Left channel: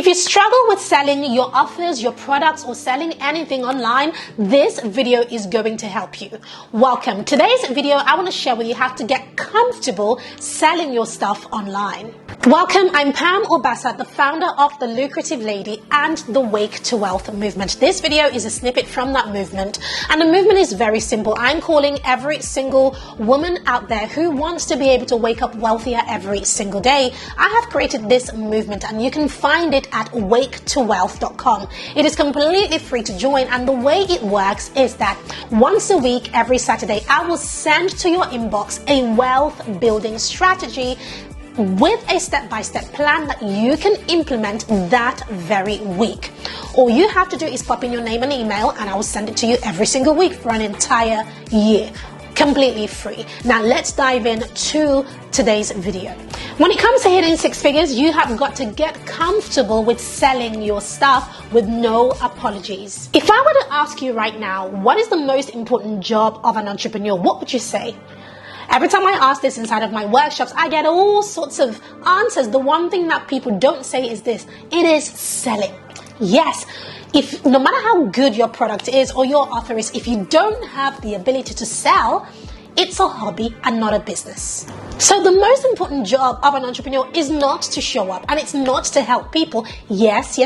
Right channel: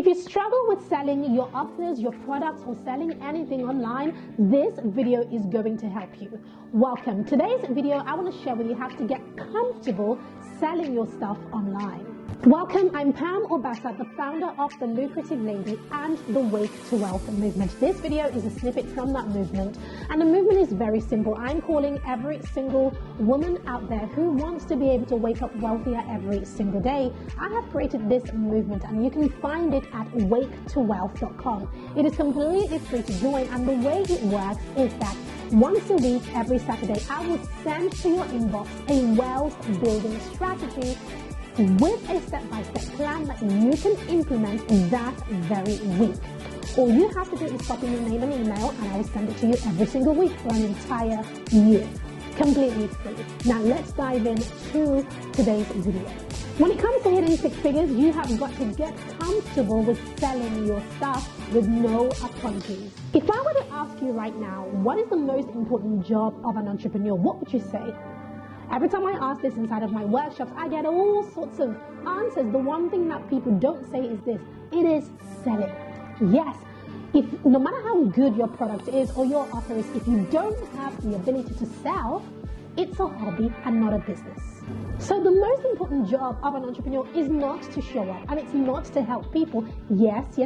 If you struggle with selling your offers, your products, or selling anything online, this video is going to help you. Welcome. Today's video, I want to share with you how to get comfortable selling your stuff online. Welcome, I'm Pam Obasa, the founder of The Lucrative Lady and the Wake to Wealth movement. This video is a snippet from that movement, and the movement is very simple. I'm calling every single woman out there who wants to be able to wake up wealthier every single day. I have created this movement, and you can find it at waketowealth.com. It is completely free to join, and the way it works is that once a week, every Saturday, I will send to your inbox a wealth building strategy with a step-by-step plan that you can implement that very week. All you have to do is pop in your name and email, and I will send it to you every single week for an entire year. Completely free. Now let's dive into today's video. When it comes to hitting six figures, you have got to get comfortable with selling your stuff with no apologies. If I were to ask you right now, what is the most important job of an entrepreneur, what would you say? Every time I ask this inside of my workshops, I get all sorts of answers. The one thing that people don't say is this: it is selling. Yes, if no matter how good your product is or your offer is, if you don't have the ability to sell, it's a hobby and not a business. So the most important job of an entrepreneur is not to show up, and it's not to help people. Yes,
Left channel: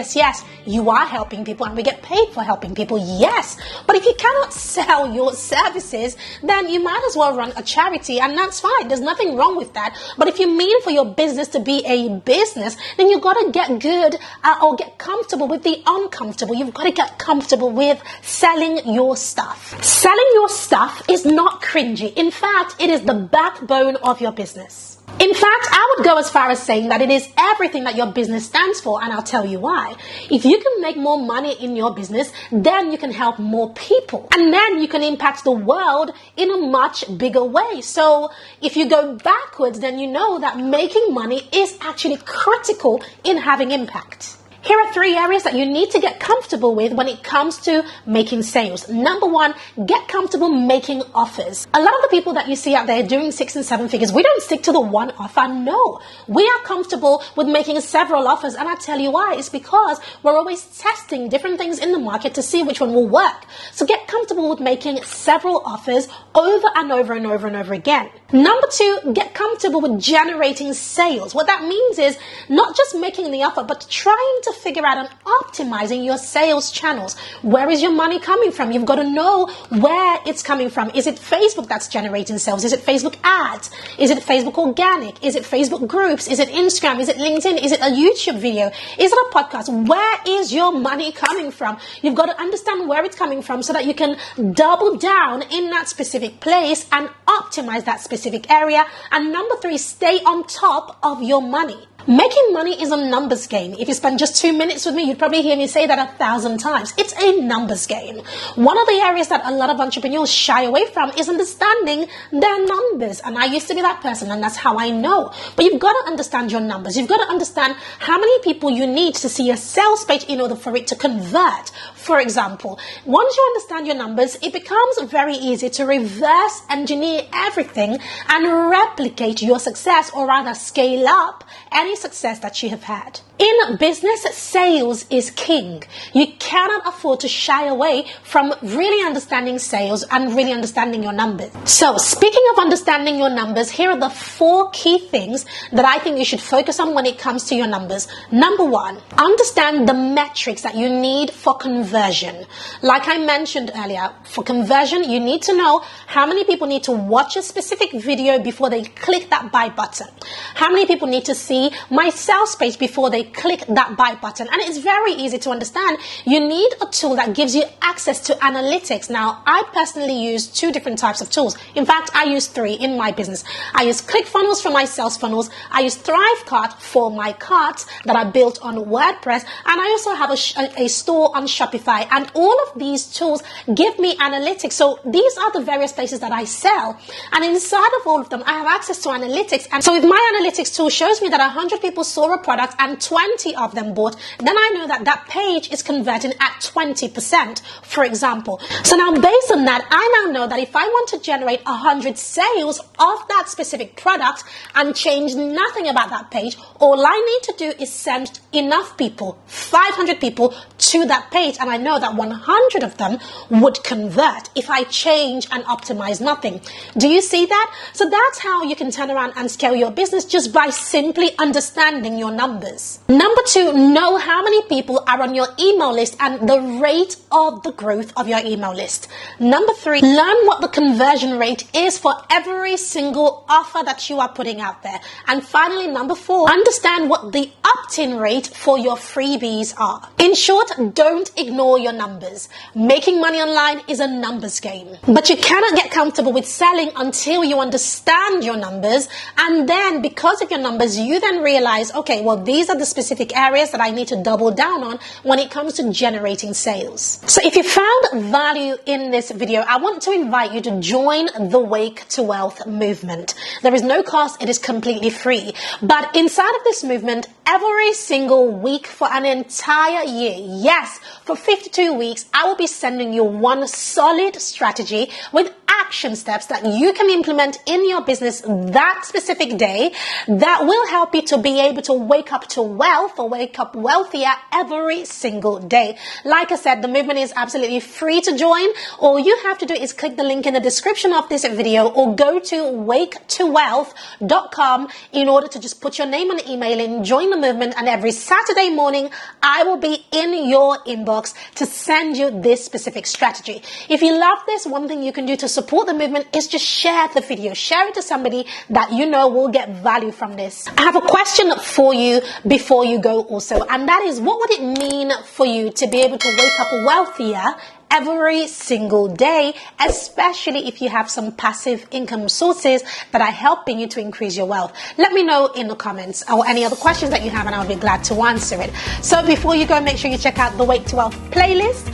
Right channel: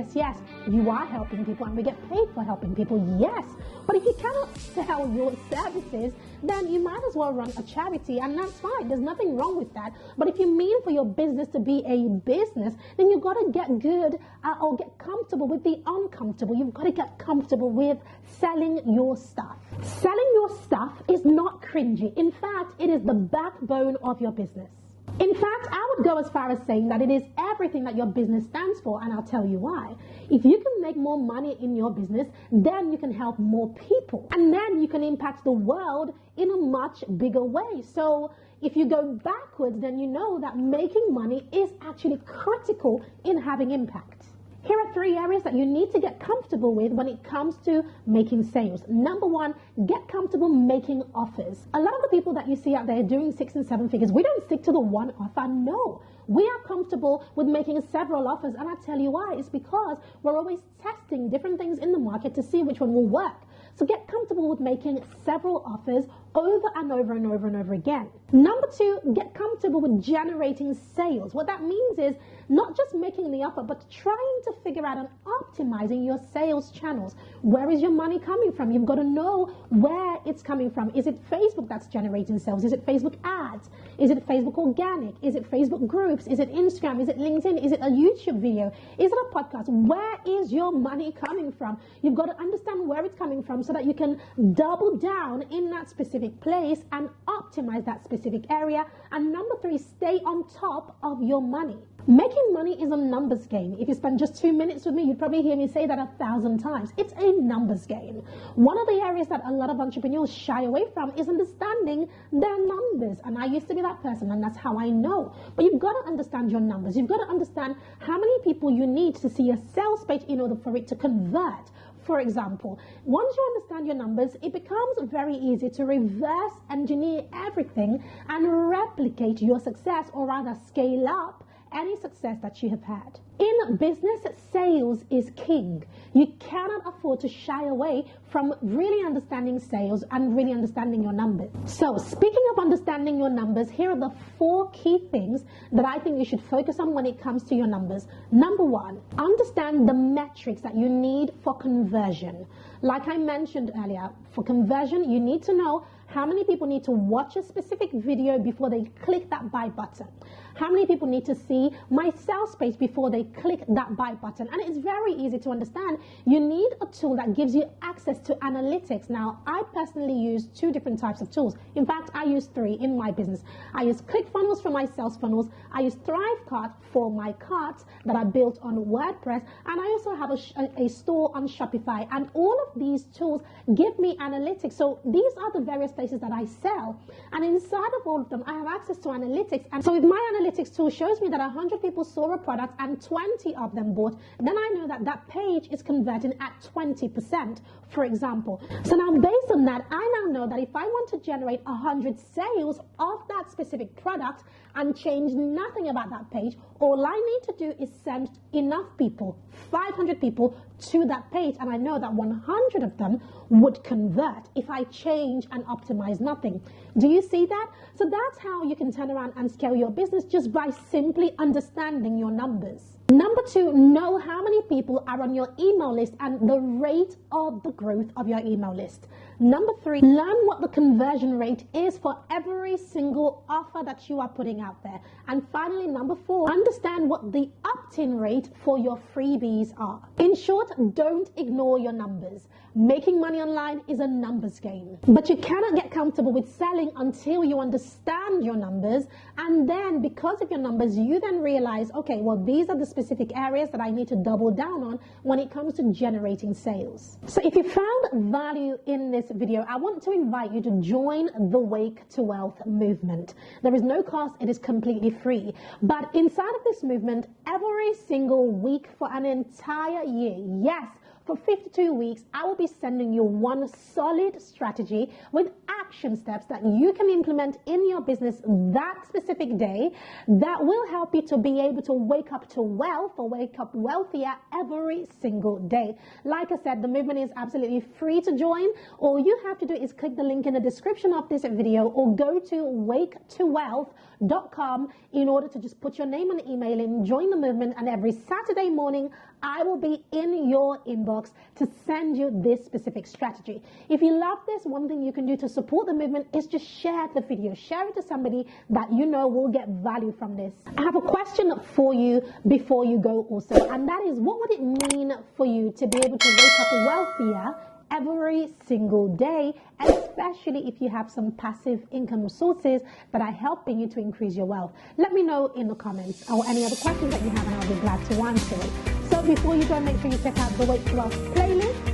you are helping people and we get paid for helping people, yes. But if you cannot sell your services, then you might as well run a charity, and that's fine. There's nothing wrong with that. But if you mean for your business to be a business, then you've got to get good or get comfortable with the uncomfortable. You've got to get comfortable with selling your stuff. Selling your stuff is not cringy. In fact, it is the backbone of your business. In fact, I would go as far as saying that it is everything that your business stands for, and I'll tell you why. If you can make more money in your business, then you can help more people, and then you can impact the world in a much bigger way. So if you go backwards, then you know that making money is actually critical in having impact. Here are 3 areas that you need to get comfortable with when it comes to making sales. Number one, get comfortable making offers. A lot of the people that you see out there doing 6 and 7 figures, we don't stick to the one offer. No, we are comfortable with making several offers. And I tell you why. It's because we're always testing different things in the market to see which one will work. So get comfortable with making several offers over and over and over and over again. Number two, get comfortable with generating sales. What that means is not just making the offer, but trying to figure out and optimizing your sales channels. Where is your money coming from? You've got to know where it's coming from. Is it Facebook that's generating sales? Is it Facebook ads? Is it Facebook organic? Is it Facebook groups? Is it Instagram? Is it LinkedIn? Is it a YouTube video? Is it a podcast? Where is your money coming from? You've got to understand where it's coming from so that you can double down in that specific place and optimize that specific area. And number three, stay on top of your money. Making money is a numbers game. If you spend just 2 minutes with me, you'd probably hear me say that 1,000 times. It's a numbers game. One of the areas that a lot of entrepreneurs shy away from is understanding their numbers. And I used to be that person, and that's how I know. But you've got to understand your numbers. You've got to understand how many people you need to see a sales page in order for it to convert. For example, once you understand your numbers, it becomes very easy to reverse engineer everything and replicate your success, or rather scale up any success that you have had. In business, sales is king. You cannot afford to shy away from really understanding sales and really understanding your numbers. So speaking of understanding your numbers, here are the 4 key things that I think you should focus on when it comes to your numbers. Number one, understand the metrics that you need for conversion. Like I mentioned earlier, for conversion, you need to know how many people need to watch a specific video before they click that buy button. How many people need to see my sales page before they click that buy button. And it's very easy to understand. You need a tool that gives you access to analytics. Now, I personally use 2 different types of tools. In fact, I use 3 in my business. I use ClickFunnels for my sales funnels. I use ThriveCart for my carts that are built on WordPress. And I also have a store on Shopify. And all of these tools give me analytics. So these are the various places that I sell. And inside of all of them, I have access to analytics. And so if my analytics tool shows me that 100 people saw a product and 20 of them bought, then I know that that page is converting at 20%, for example. So now based on that, I now know that if I want to generate 100 sales of that specific product and change nothing about that page, all I need to do is send enough people, 500 people, to that page, and I know that 100 of them would convert if I change and optimize nothing. Do you see that? So that's how you can turn around and scale your business, just by simply understanding your numbers. Number 2, know how many people are on your email list and the rate of the growth of your email list. Number 3, learn what the conversion rate is for every single offer that you are putting out there. And finally, number 4, understand what the opt-in rate for your freebies are. In short, don't ignore your numbers. Making money online is a numbers game, but you cannot get comfortable with selling until you understand your numbers, and then because of your numbers, you then realize, okay, well, these are the specific areas that I need to double down on when it comes to generating sales. So if you found value in this video, I want to invite you to join the Wake to Wealth movement. There is no cost, it is completely free. But inside of this movement, every single week for an entire year, yes, for 52 weeks, I will be sending you one solid strategy with action steps that you can implement in your business that specific day that will help you to be able to wake up to wealth or wake up wealthier every single day. Like I said, the movement is absolutely free to join. All you have to do is click the link in the description of this video or go to waketowealth.com in order to just put your name and email in, join the movement, and every Saturday morning I will be in your inbox to send you this specific strategy. If you love this, one thing you can do to support the movement is just share the video. Share it to somebody that you know will get value from this. I have a question for you before you go also, and that is, what would it mean for you to be able to wake up wealthier every single day, especially if you have some passive income sources that are helping you to increase your wealth? Let me know in the comments, or any other questions that you have, and I'll be glad to answer it. So before you go, make sure you check out the Wake to Wealth playlist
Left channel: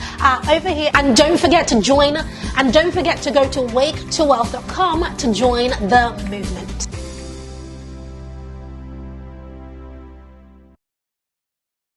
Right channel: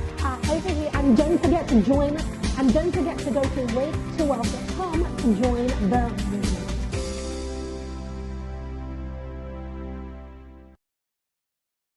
over here, and don't forget to join, and don't forget to go to waketowealth.com to join the movement.